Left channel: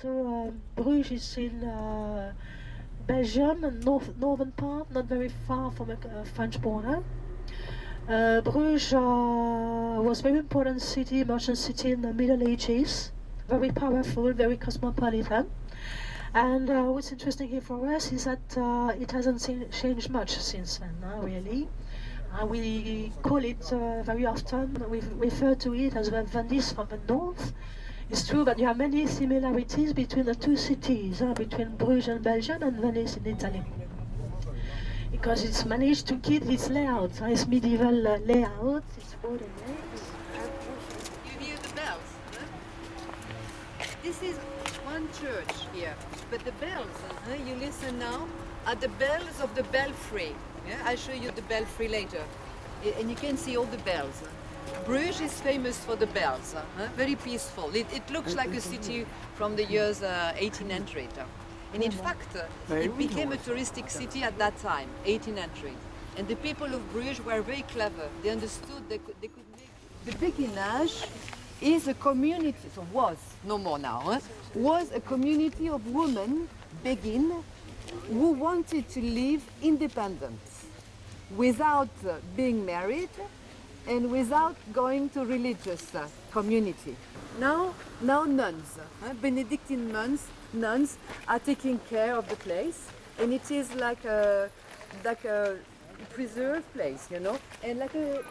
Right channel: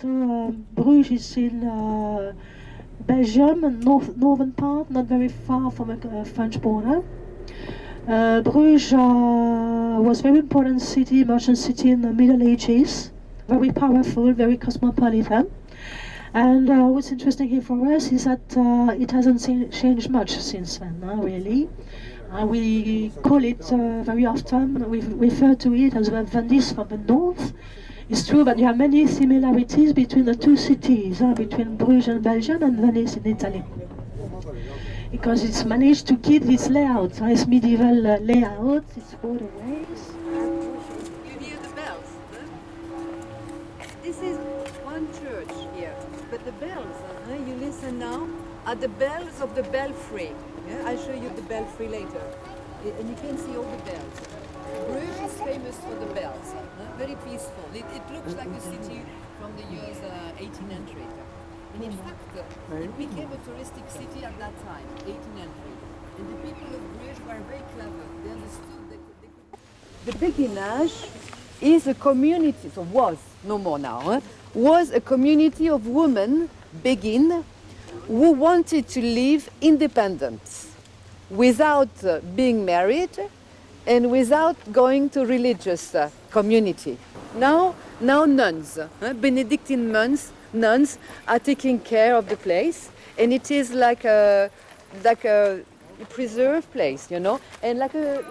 So Bruges is in Belgium, northern part, not very far from the French border. Bruges was a very important city, merchant city in the Middle Ages, very powerful, very cosmopolitan. And what's interesting here for us is that it hasn't changed much since then, really. We call it very often, we refer to it as Venice from the north. It's true that there are many similarities between the two cities, between Bruges in Belgium and Venice in Italy. Because it's managed to keep its layout, its medieval layout, its waterways. You hear the bells? Huh? This is one church here, but the bells, you listen now, are the bells of the belfry. Yeah? I'll show you the belfry later. And you can see all the bells. Bruges is famous for the bells, very peaceful. It looks like a city from the years 1800. And in fact, it became a touristic city at that time, 1800. And the people of Bruges were very clever. They understood they could make... The Béguinage is a community, so was, no more now, was a community of women, Béguines, who wanted to live independent, without being married and without going to religious community. Now nuns, Benedictine nuns are taking care of the place, and it is like a preserved place, you know, and like a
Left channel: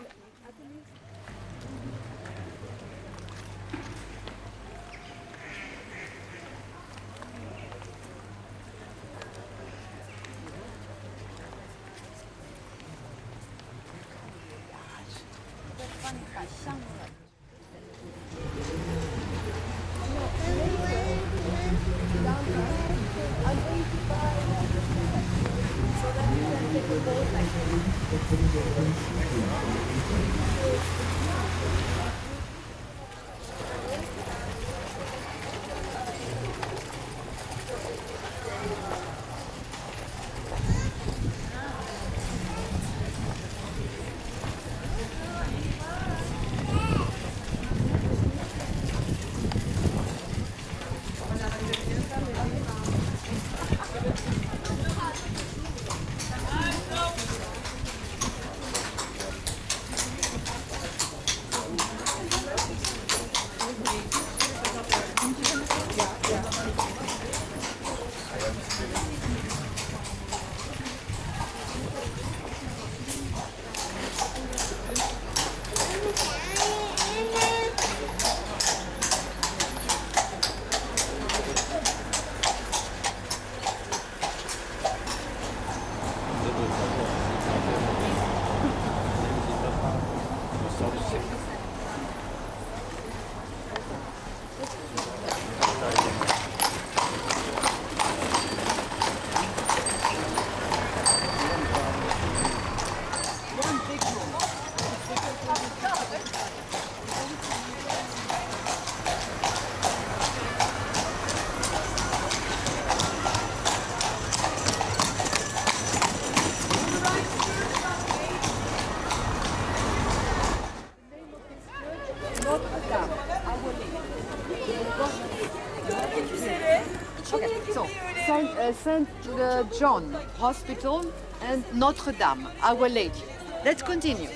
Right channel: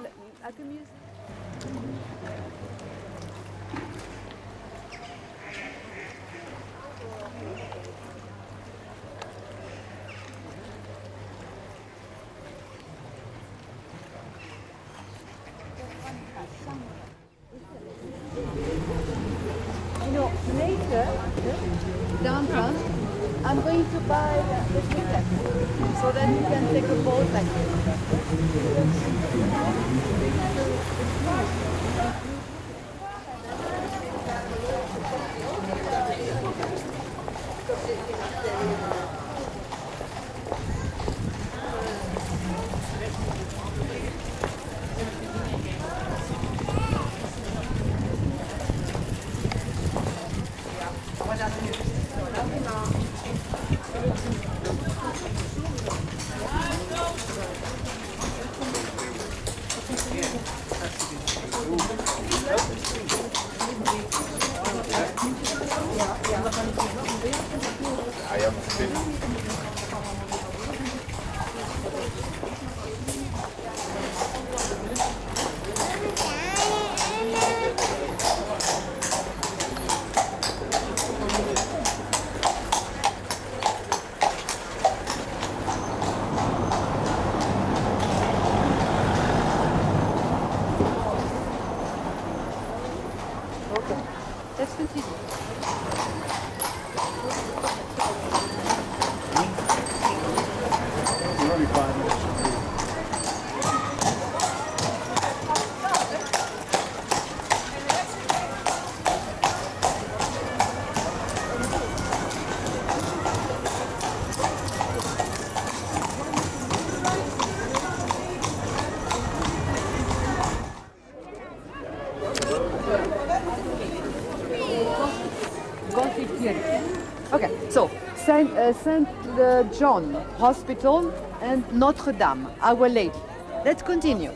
downtown. I'm going to buy the ticket so that you can take a boat like Okay, so Saint John Hospital and Notre Dame, Our Lady. Let's continue.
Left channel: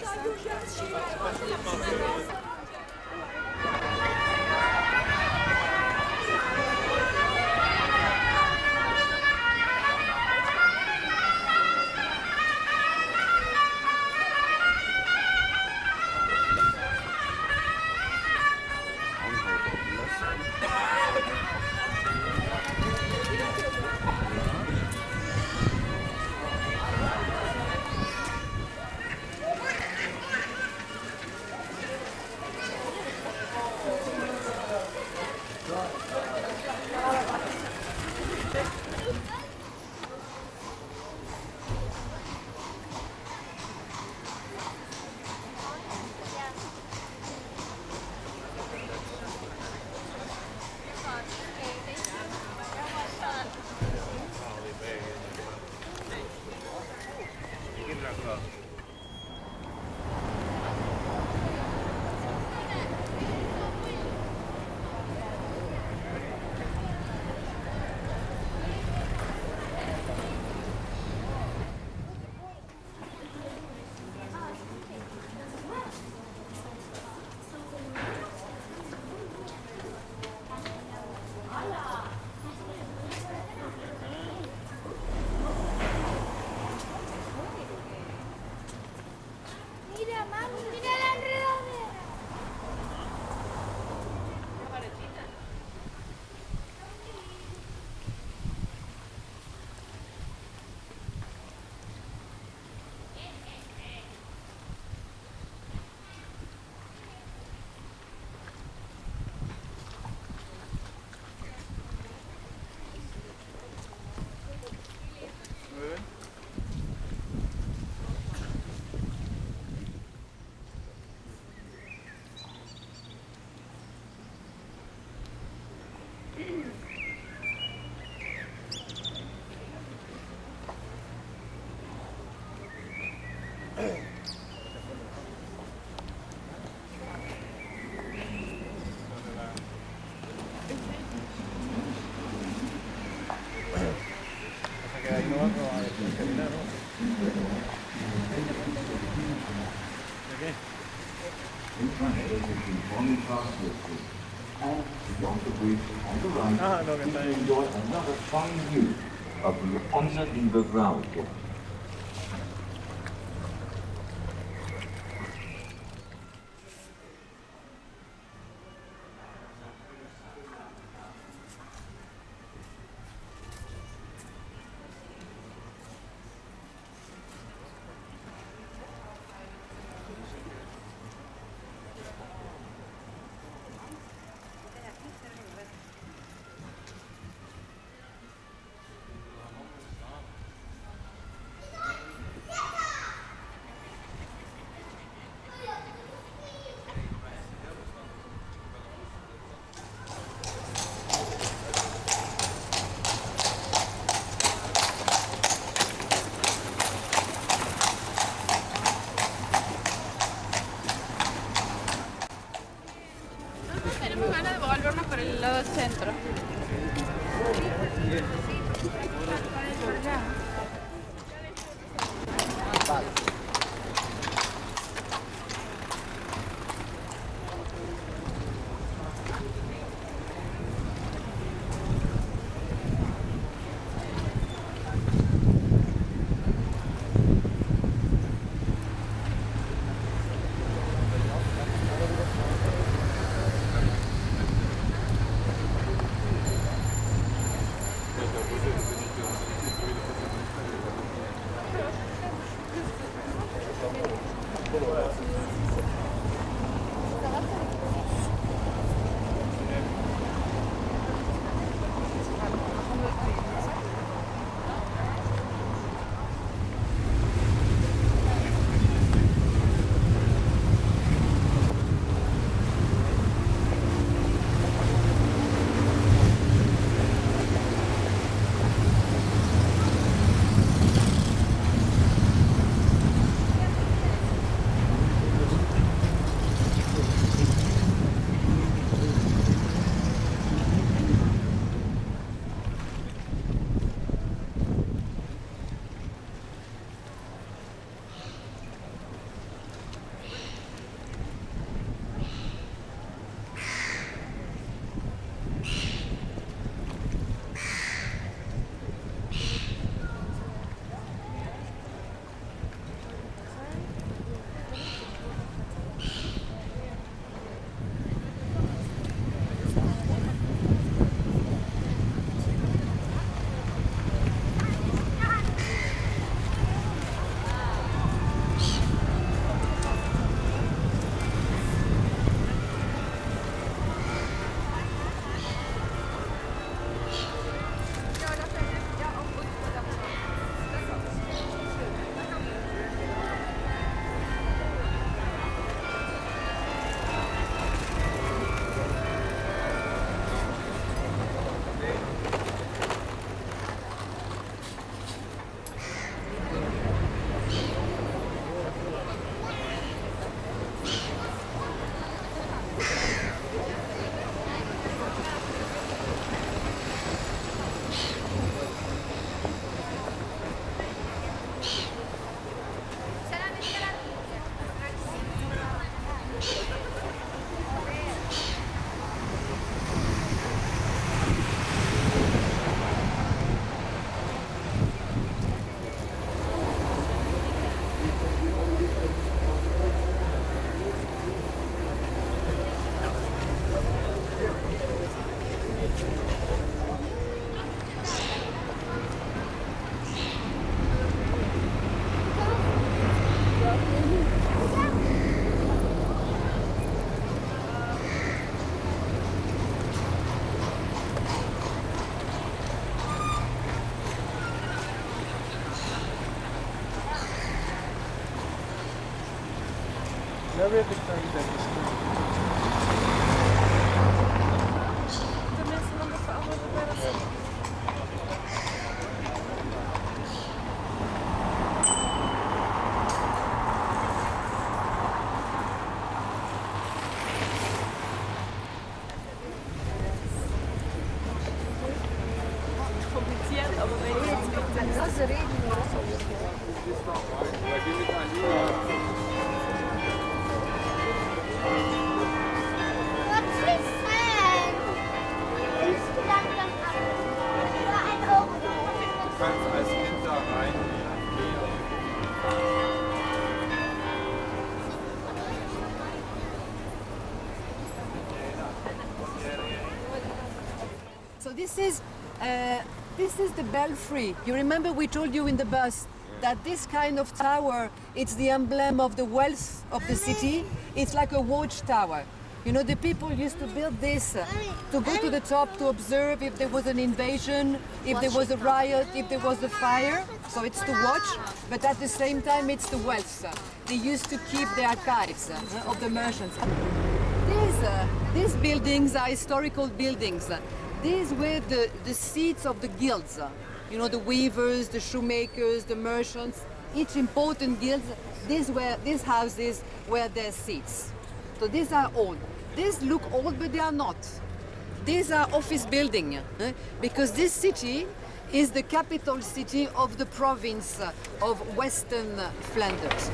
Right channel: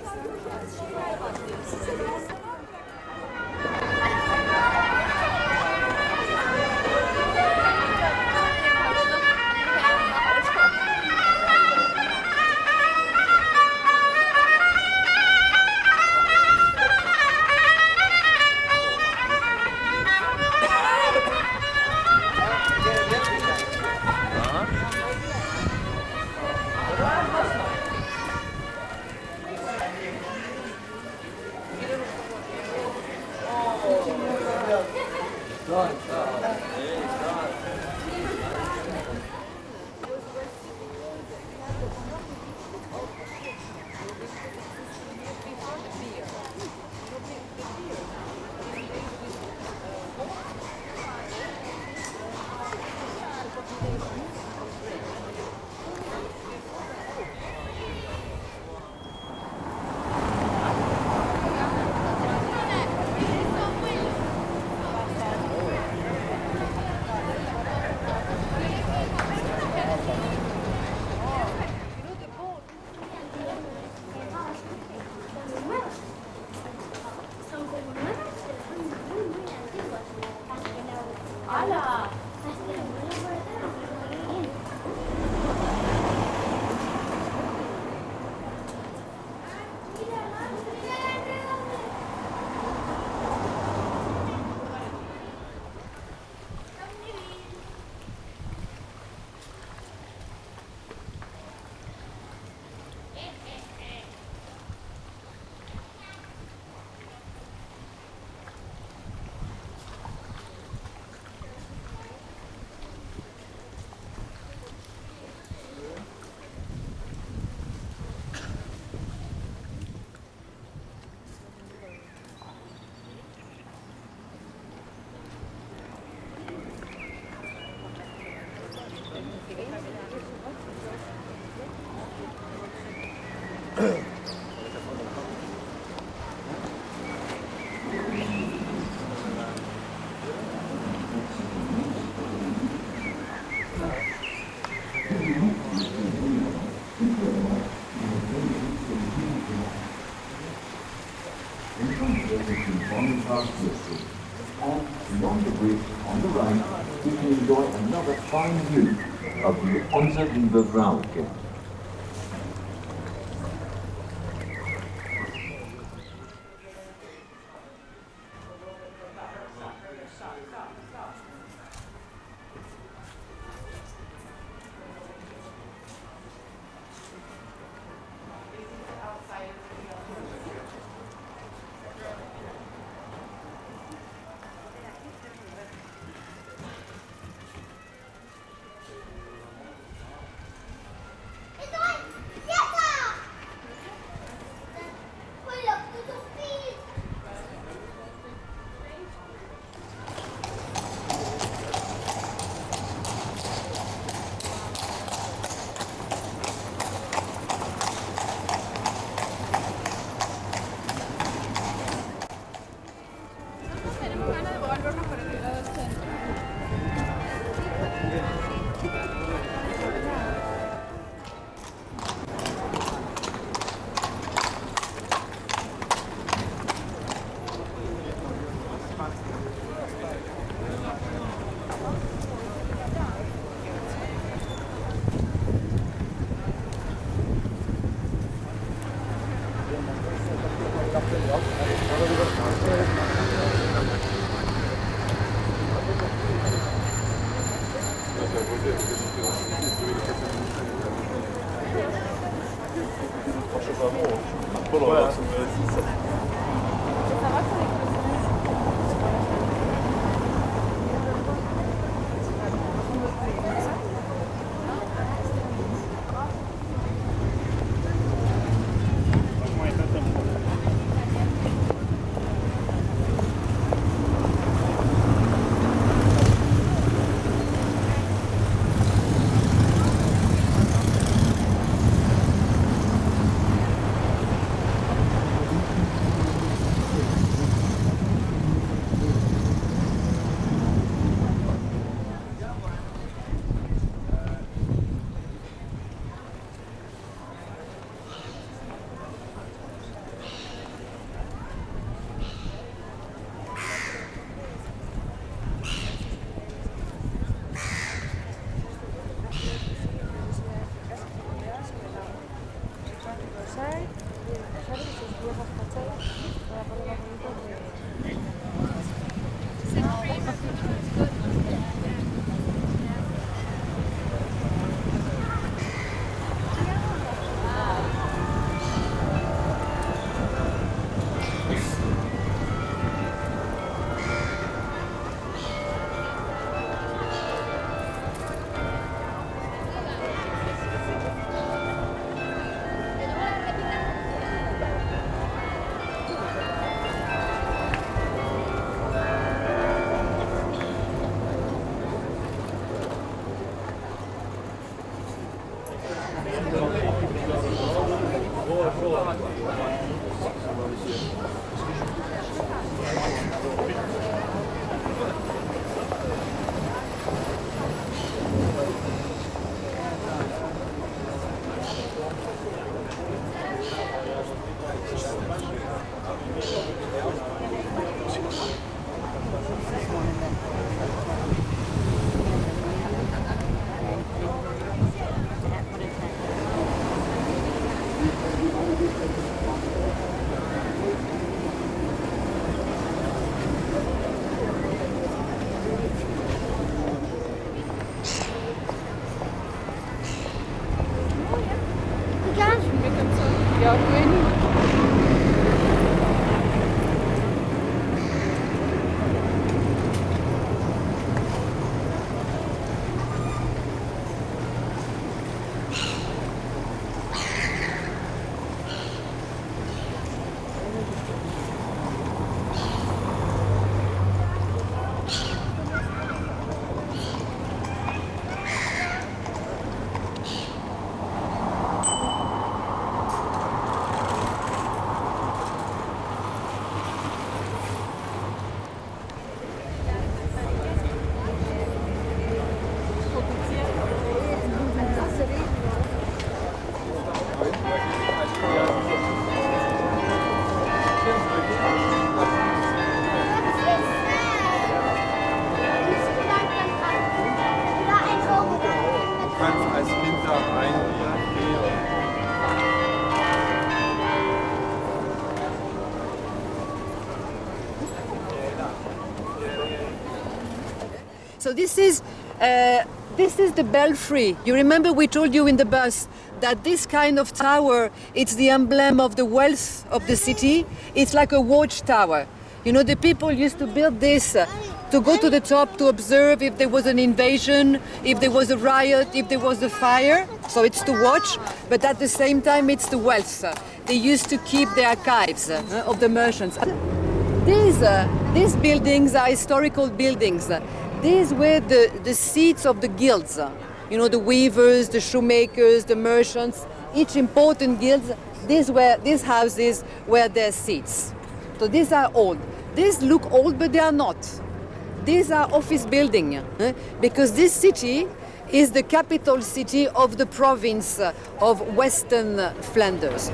In front of us is the Boniface District, and beyond the bridge on the right, we can enjoy another fine view of the Onze Lieve Vrouwenkerk. Tenemos ganas de volvernos por el lado centro. Kompliziert, aber wenn ich Du kannst als Kind da rein gehen. So this is the belfry. You remember we told you in the bus that this kind of tower, it's the emblem of the wealth of the city. It's like a watchtower. You know, the people used to build this to go to the top to observe if there was an invasion, if there was a riot, if there was a fire. So it's to watch, but at the same time it's the wealth. They used to keep the archives of the merchants. These buildings are historical buildings. These were the seats of the guilds. You know, the weavers, the shoemakers, the merchants, each important guild, these houses were their seats. So these are old. These look old, but they are not. These are office buildings, because this city is the capital city of the province of Western Flanders.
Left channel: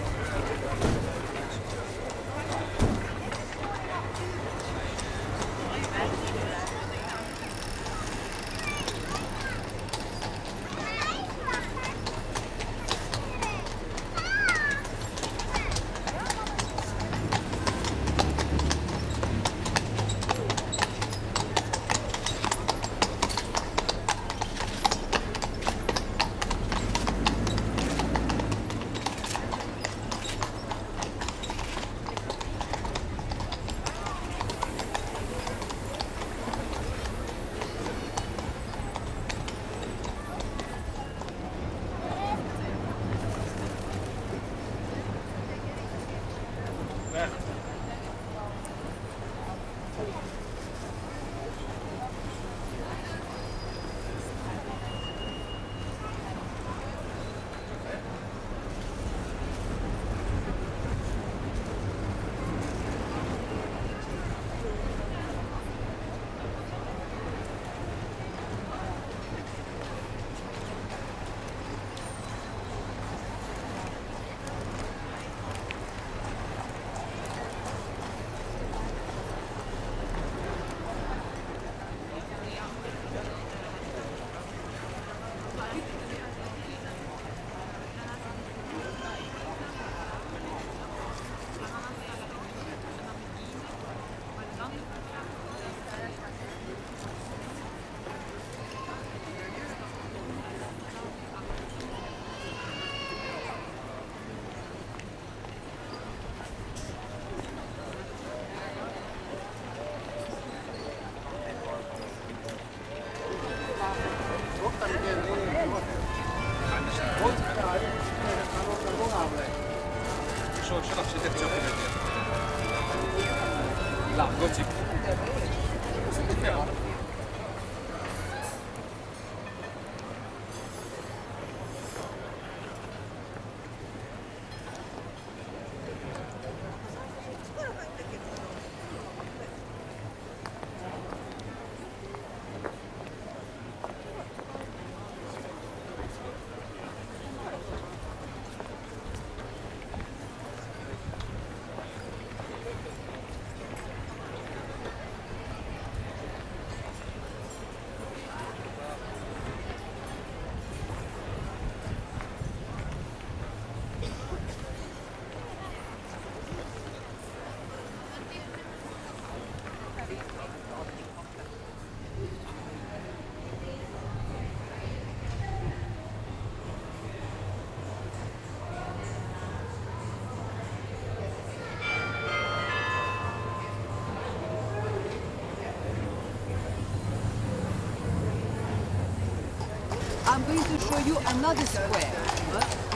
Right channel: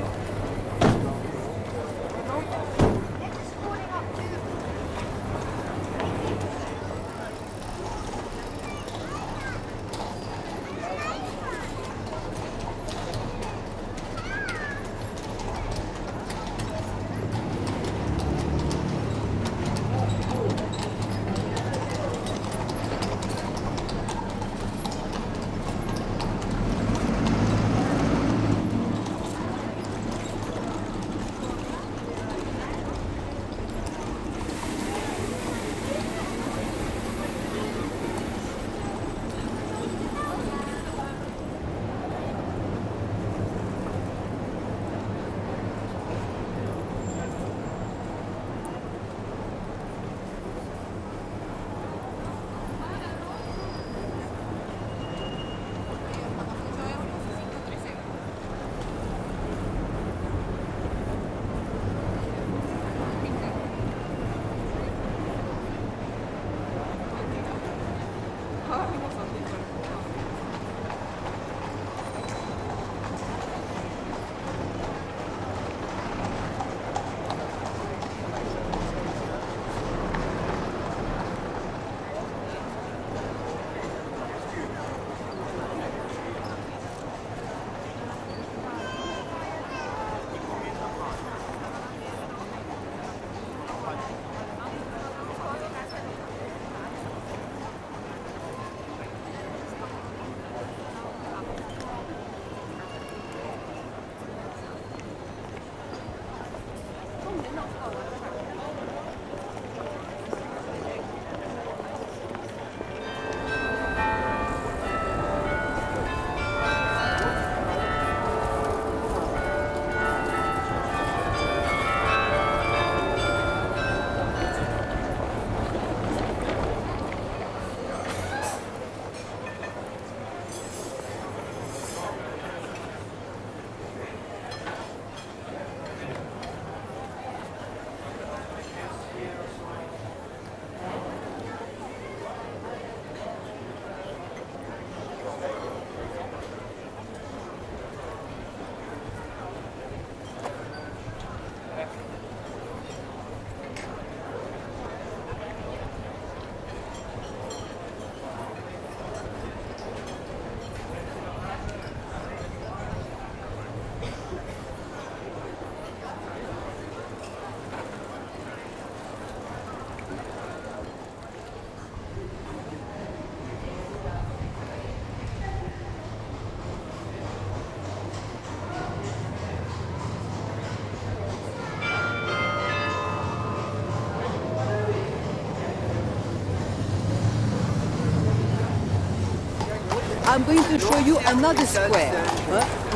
I'm going to show you another square,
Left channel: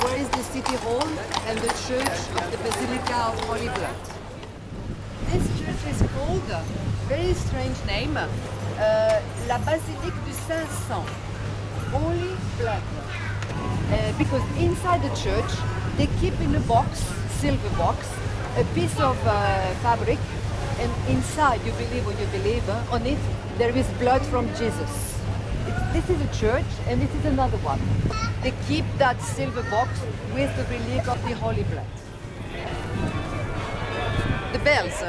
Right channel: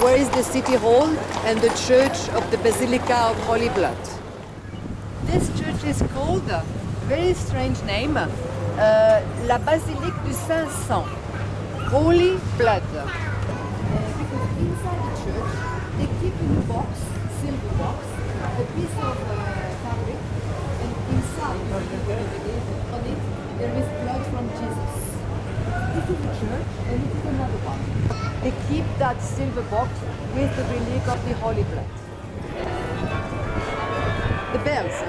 where is the city hall and the church of the Basilica of Holy Blood. This church is called, very strange name, La Basilique du Saint-Sang, Holy Blood. Because inside the church, they keep in a box, silver box, a piece of fabric, and inside, you believe what you believe, on it there is blood from Jesus. This is a church, and this is another one. They keep that silver box with the relic of the Holy Blood. The bells,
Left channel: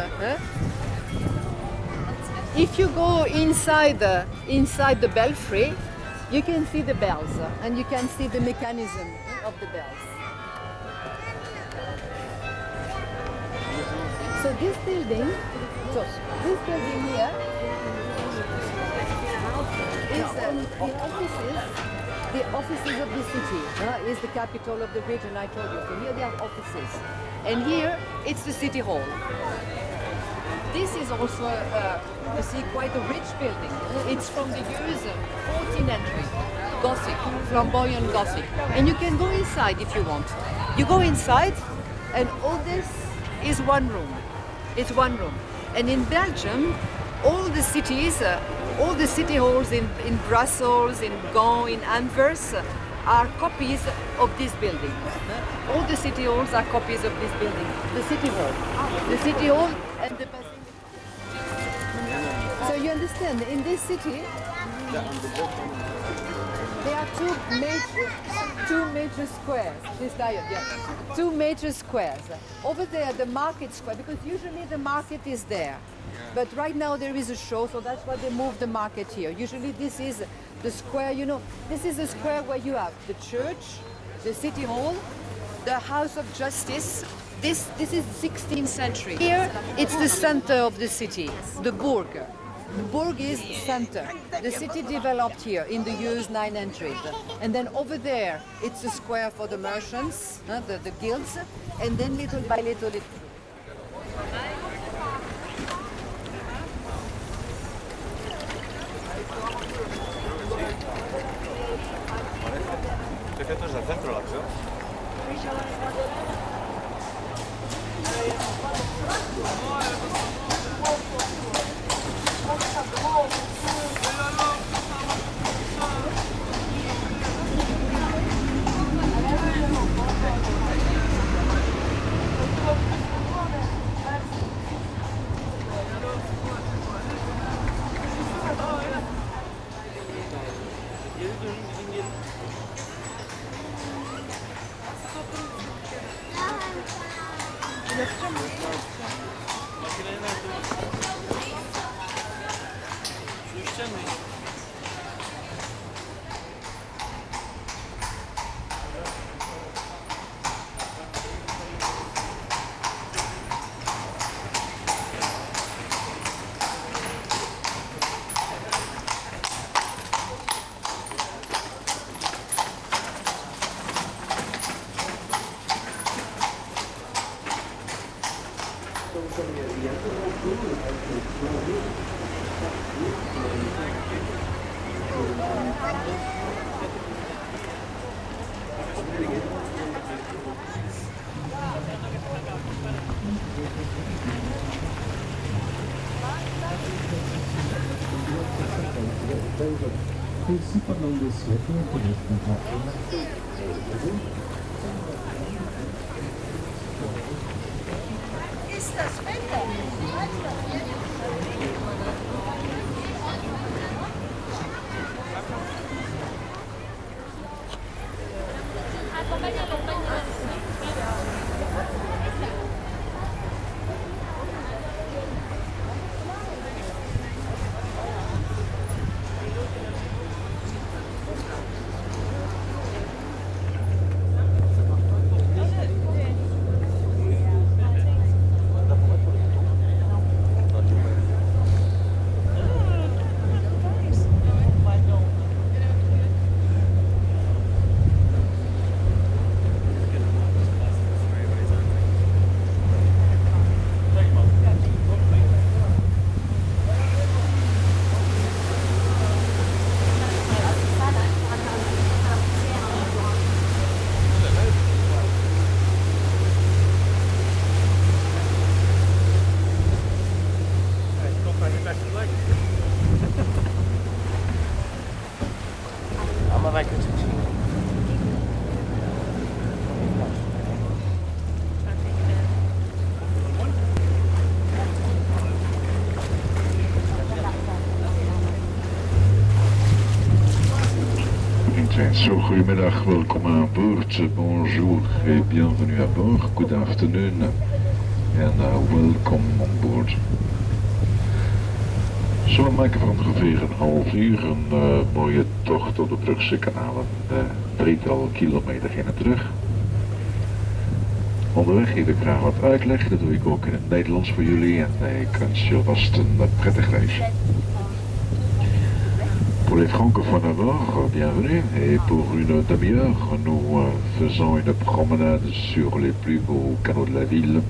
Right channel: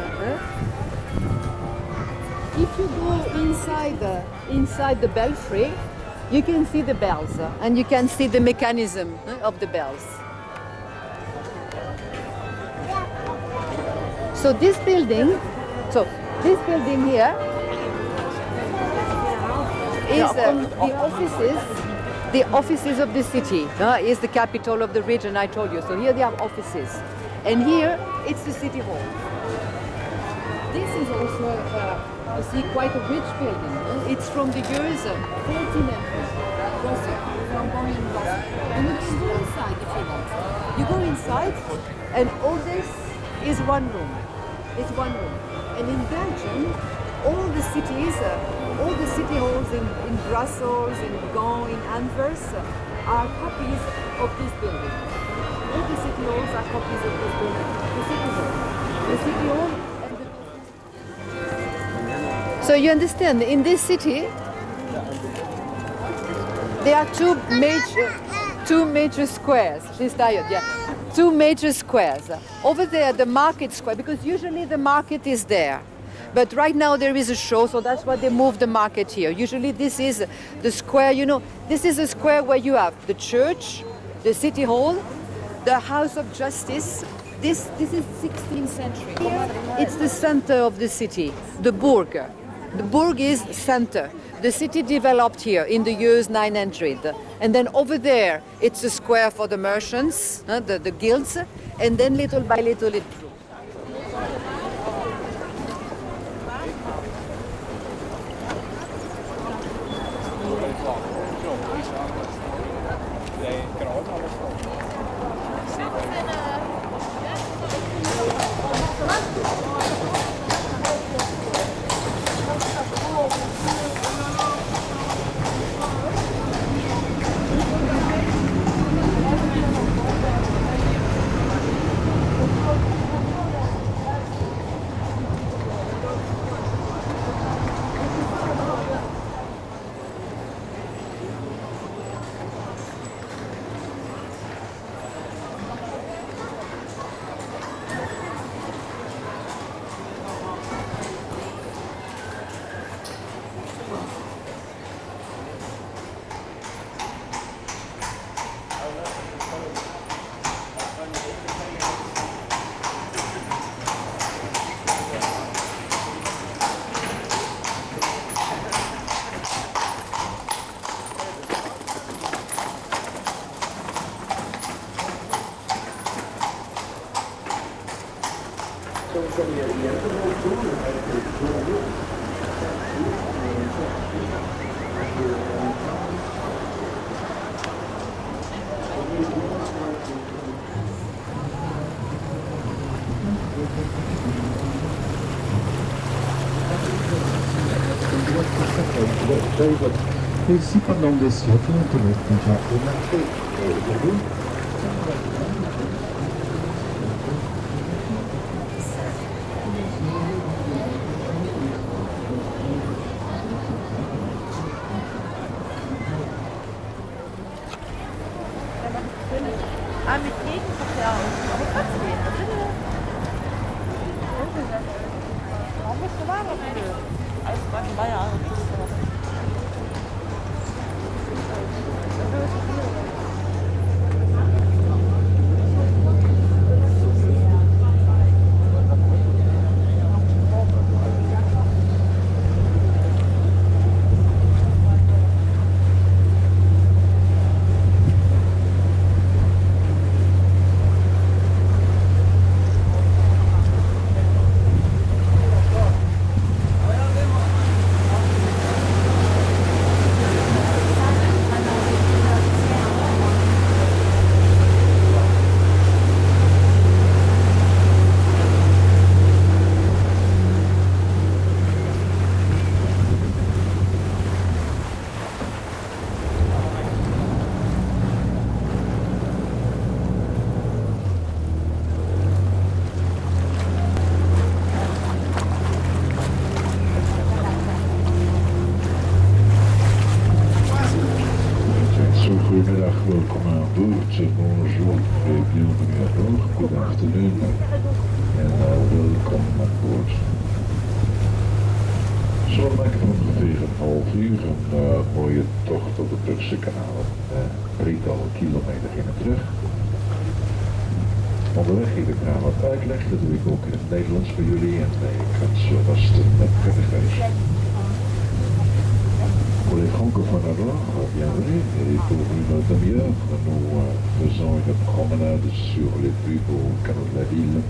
If you go inside the belfry, you can see the bells, and you can see the mechanism of the bells. So this building here is the offices of the city. Is the capital of the region, I told you. So here they have offices, and here it's the city hall. This is also, you see, quite a rich building. It's from the years 1400, Gothic, flamboyant Gothic. And you can go inside if you want. You go inside, and all this is one room. It's one room. And in Belgium, all the cities, all the city halls in Brussels, in Gand, in Antwerp, are copies of this building. All the city halls are copies of this building. The city hall. The city hall and the So you understand, in this city, there are two major squares. She's tired, yeah. Two major squares. Over there, the market square, because usually the market is there. But right now there is a show, so that's why they moved the market here. Usually this is the square, you know, this is a square where you have the church, the city hall, the House of Justice. This is 16th century. Here, it's the center of the city, the Burg. The Burg is center. The city developed here in the years 900. And then over there, it's a square for the merchants, the guilds, and then little by little it grew. Ici pendant des siècles, on So, goedemiddag, welkom aan boord, bonjour et bienvenue à bord, good afternoon and welcome on board. Zo, we maken van ongeveer een half uur een mooie tocht door de Brugse kanalen, drietal kilometer heen en terug. Onderweg geef ik graag wat uitleg, dat doe ik ook in het Nederlands voor jullie en ik wens je vast een prettig reis. Pour les francophones alors, bienvenue. Et pour une demi-heure, nous faisons une promenade sur les plus beaux canaux de la ville.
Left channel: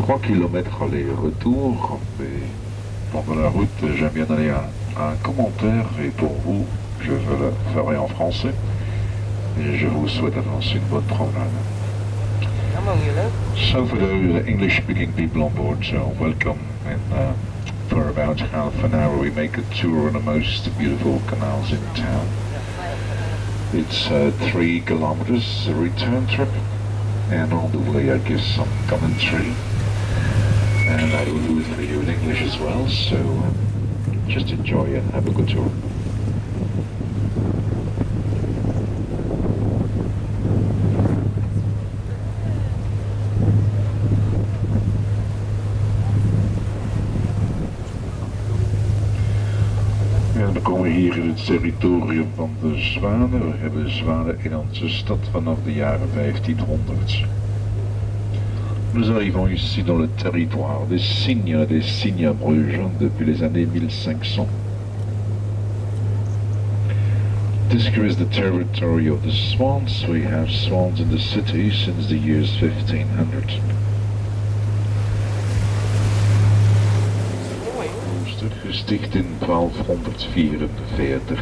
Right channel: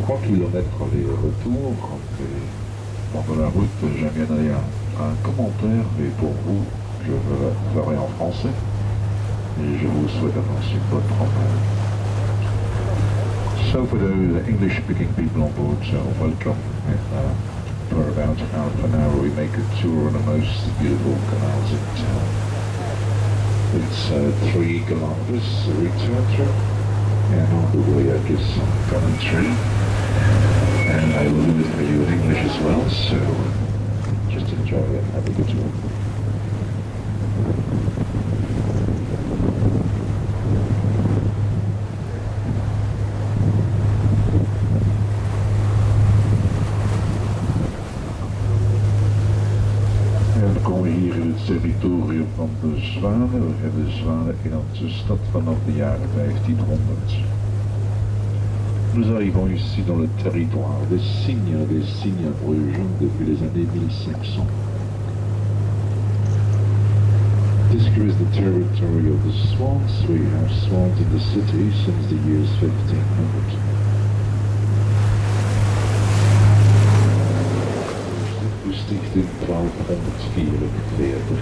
3 kilomètres aller-retour. Et pendant la route, j'aime bien donner un commentaire. Et pour vous, je le ferai en français. Et je vous souhaite d'avance une bonne promenade. So for those English-speaking people on board, welcome. And, for about half an hour we make a tour on the most beautiful canals in town. It's 3 kilometers a return trip, and on the way I give some commentary, and I will do it for you in English as well, so just enjoy it, have a good tour. We komen hier in het territorium van de zwanen. We hebben zwanen in onze stad vanaf de jaren 1500. Nous arrivons ici dans le territoire des cygnes brugeons depuis les années 1500. This here is the territory of the swans. We have swans in the city since the years 1500. Gesticht in 1244.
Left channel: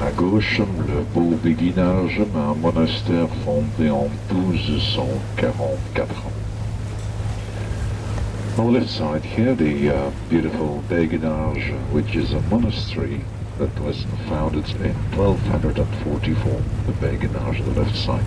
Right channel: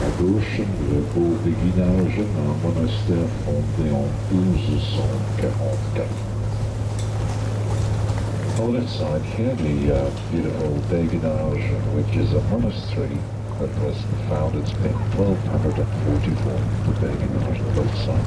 À gauche, le beau béguinage d'un monastère fondé en 1244. On the left side here, the beautiful béguinage, which is a monastery that was founded in 1244. The béguinage on the left side.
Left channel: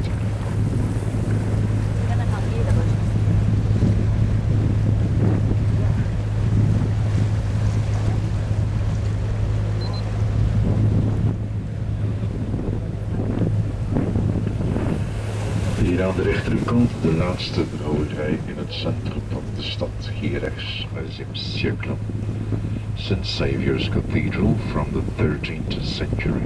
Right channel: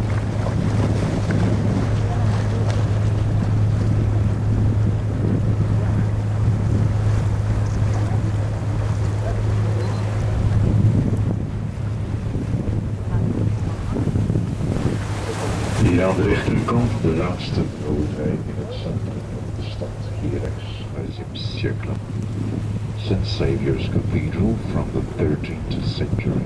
Hier aan de rechterkant de laatste brouwerij in het centrum van de stad, hier rechts, 6e siècle. St. Saviour's Cathedral from the 13th century.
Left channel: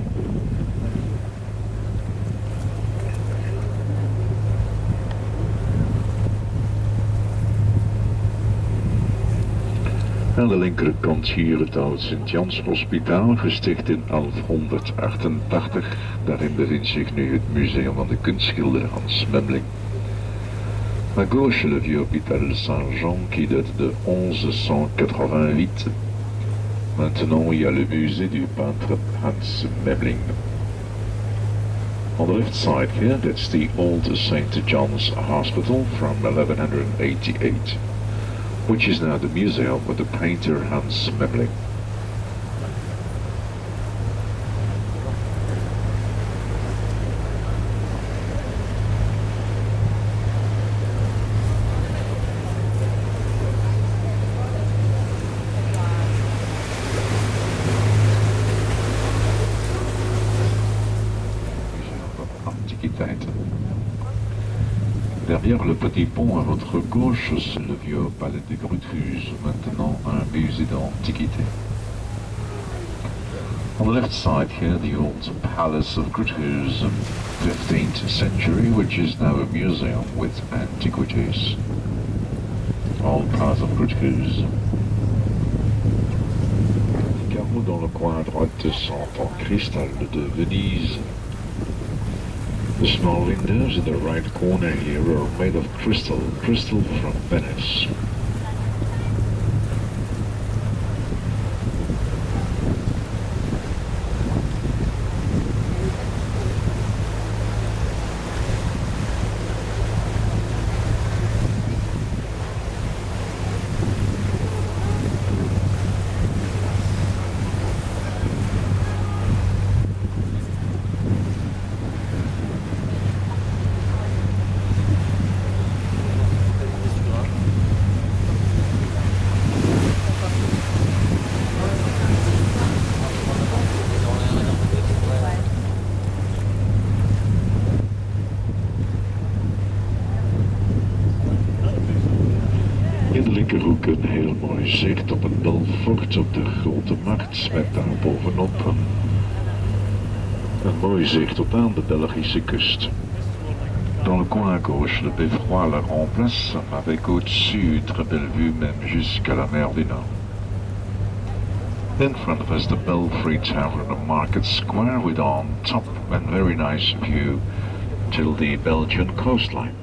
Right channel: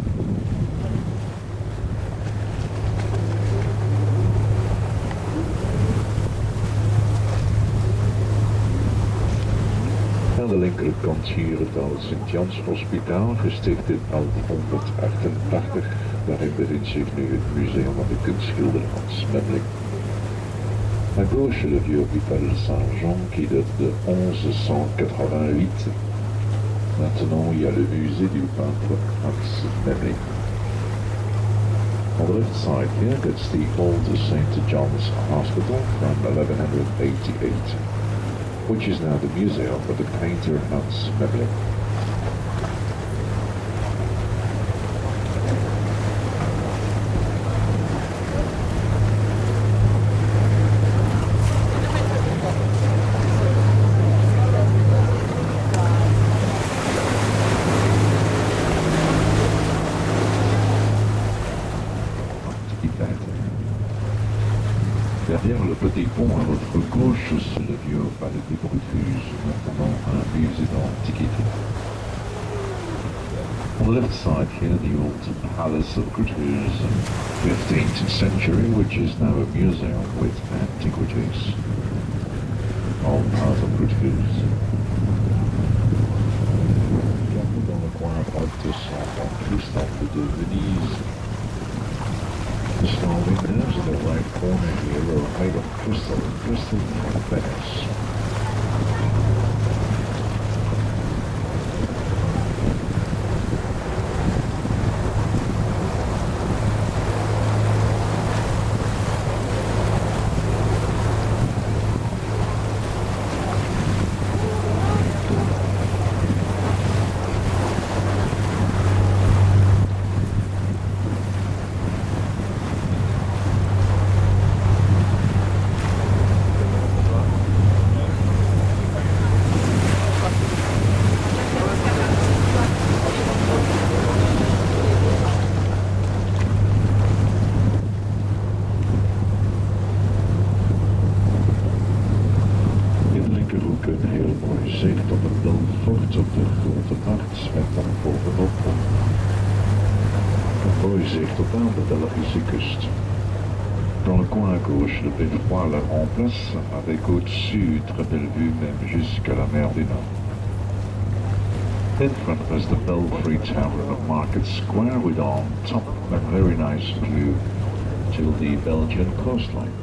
Aan de linkerkant hier het oude Sint-Jans Hospitaal, gesticht in 1188. Daarin bevindt zich nu het museum van de kunstschilder Hans Memling. À gauche, le vieux hôpital Saint-Jean qui date de 1188. Maintenant, il y a le musée du peintre Hans Memling. On the left side here, that's the old St. John's Hospital from 1188. Which is now the museum of the painter Hans Memling. Derrière le petit pont à votre gauche, c'est le vieux palais des Bruges, maintenant un musée d'antiquité. On the left side here, the old palace of Bruges, 15th century, which is now a museum with antiquities. All part of Bruges. Car dans le coin à droite sont en cristal de Venise. The small windows in the right corner here are made of crystal from Venice. bovenop een mooi zicht tot aan de Belgische kust. Dans le coin gauche, le beffroi la remplace avec au-dessus très belle vue même jusqu'à la mer du Nord. In front of us the Belfry Tavern of Market Square with on top a very nice view till the Belgian coastline.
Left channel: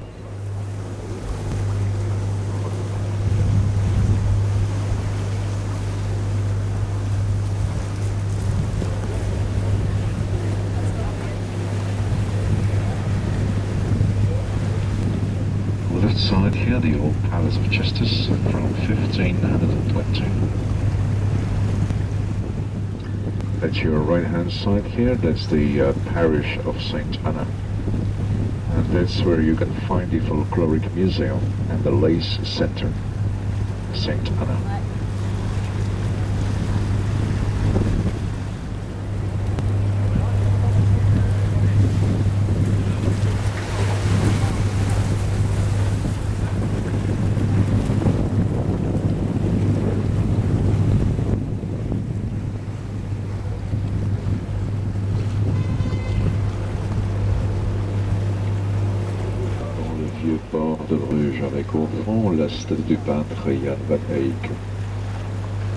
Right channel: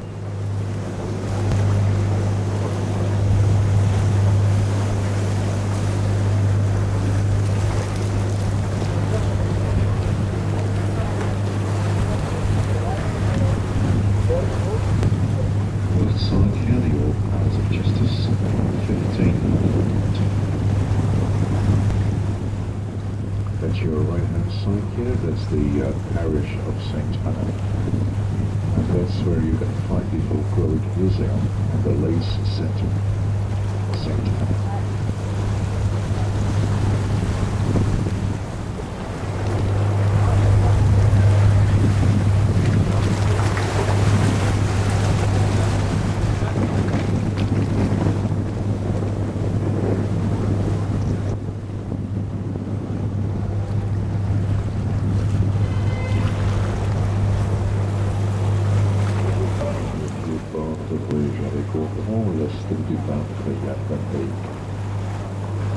Left side here, the old Palace of Justice from 1520. That's your right hand side here, that's the parish of St. Anna. And that's where you can find the folkloric museum and the lace center, St. Anna. De Bruges avec au grand l'est du peintre Jan van Eyck.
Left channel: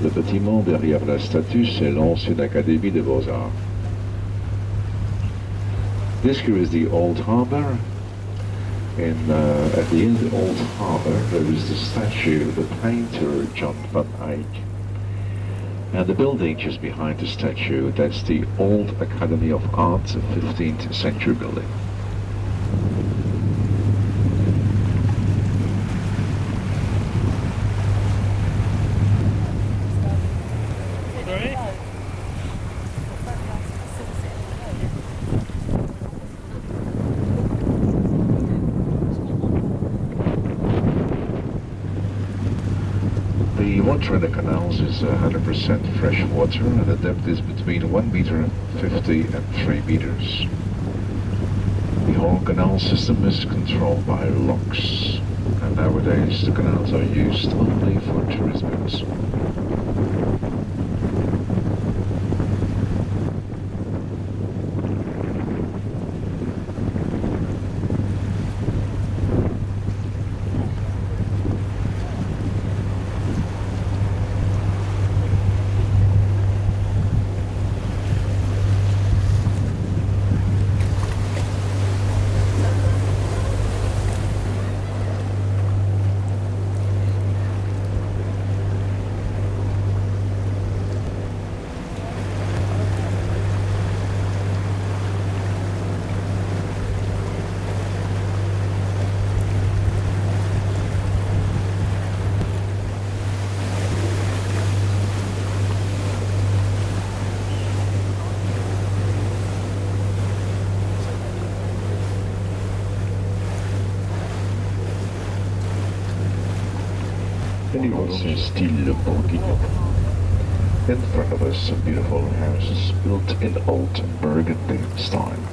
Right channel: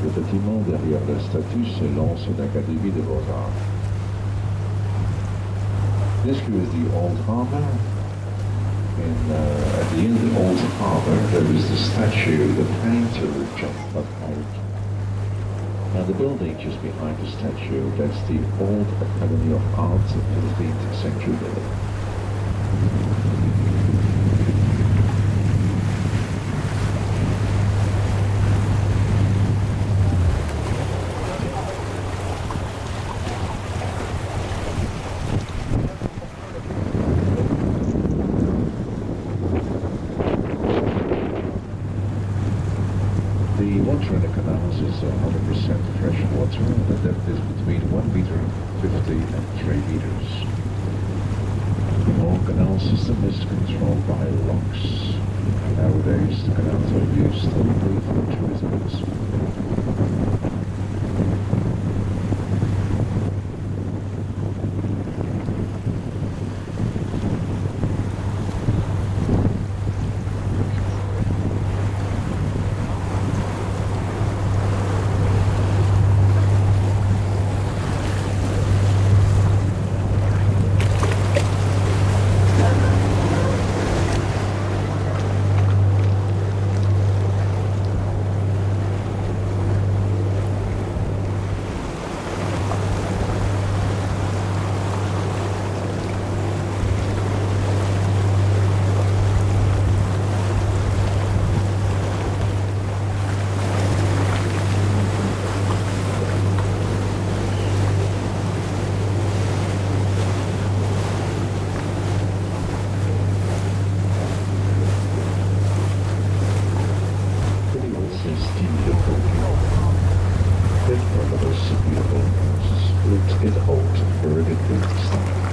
Le bâtiment derrière la statue, c'est l'ancienne Académie des Beaux-Arts. This here is the Old Harbour. At the end of the Old Harbour, there is the statue of the painter Jan van Eyck. And the building just behind the statue, that's the Old Academy of Arts, a 15th century building. The water in the canals is 100% fresh water, and the depth is between 1 meter 50 and 3 meters. The whole canal system is controlled by locks, and nowadays the canals are used only for tourist boats. Style Bourguignon. In front of us, beautiful houses built in old Burgundy style.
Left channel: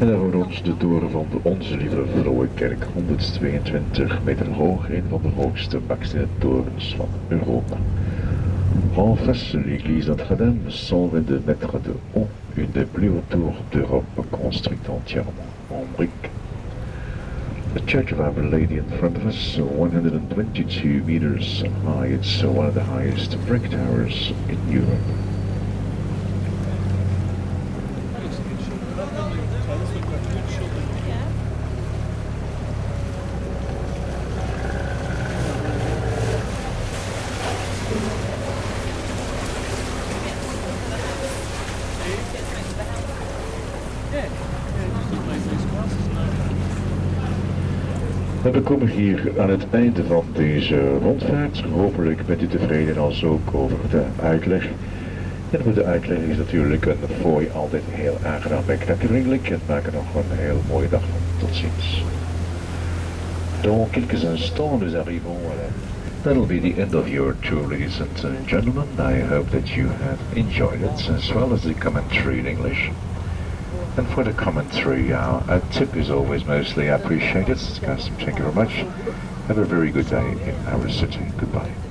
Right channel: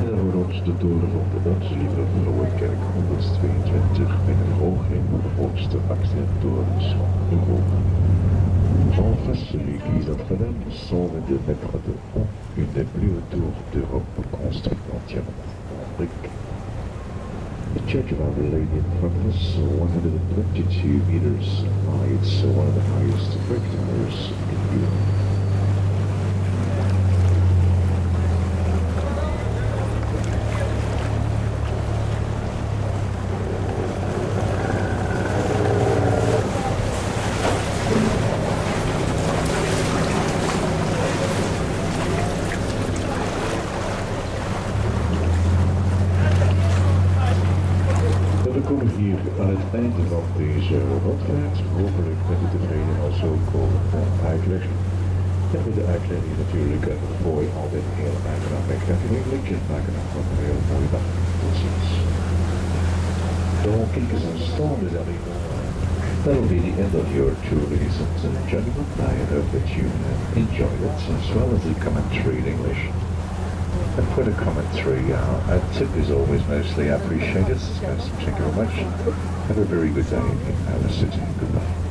En dan voor ons de toren van de Onze Lieve Vrouwenkerk, 122 meter hoog, een van de hoogste bakstenen torens van Europa. En face, l'église Notre-Dame semble de mettre de haut une des plus hautes tours d'Europe construite entièrement en briques. The Church of Our Lady in front of us, 122 meters high, it's one of the highest brick towers in Europe. En we komen hier aan het einde van deze rondvaart. Hopelijk bent u tevreden als ook over de uitleg. En voor de uitleg is natuurlijk een fooi altijd heel aangenaam. Ik dank u vriendelijk en maak er nog een heel mooie dag. Tot ziens. Dans quelques instants, nous arrivons That'll be the end of your tour, ladies and gentlemen. I hope that you have enjoyed it, as well as the commentary in English. And for the commentary, a tip is always mostly appreciated. Guys, thank you very much. Have a very good day in our city. Goodbye.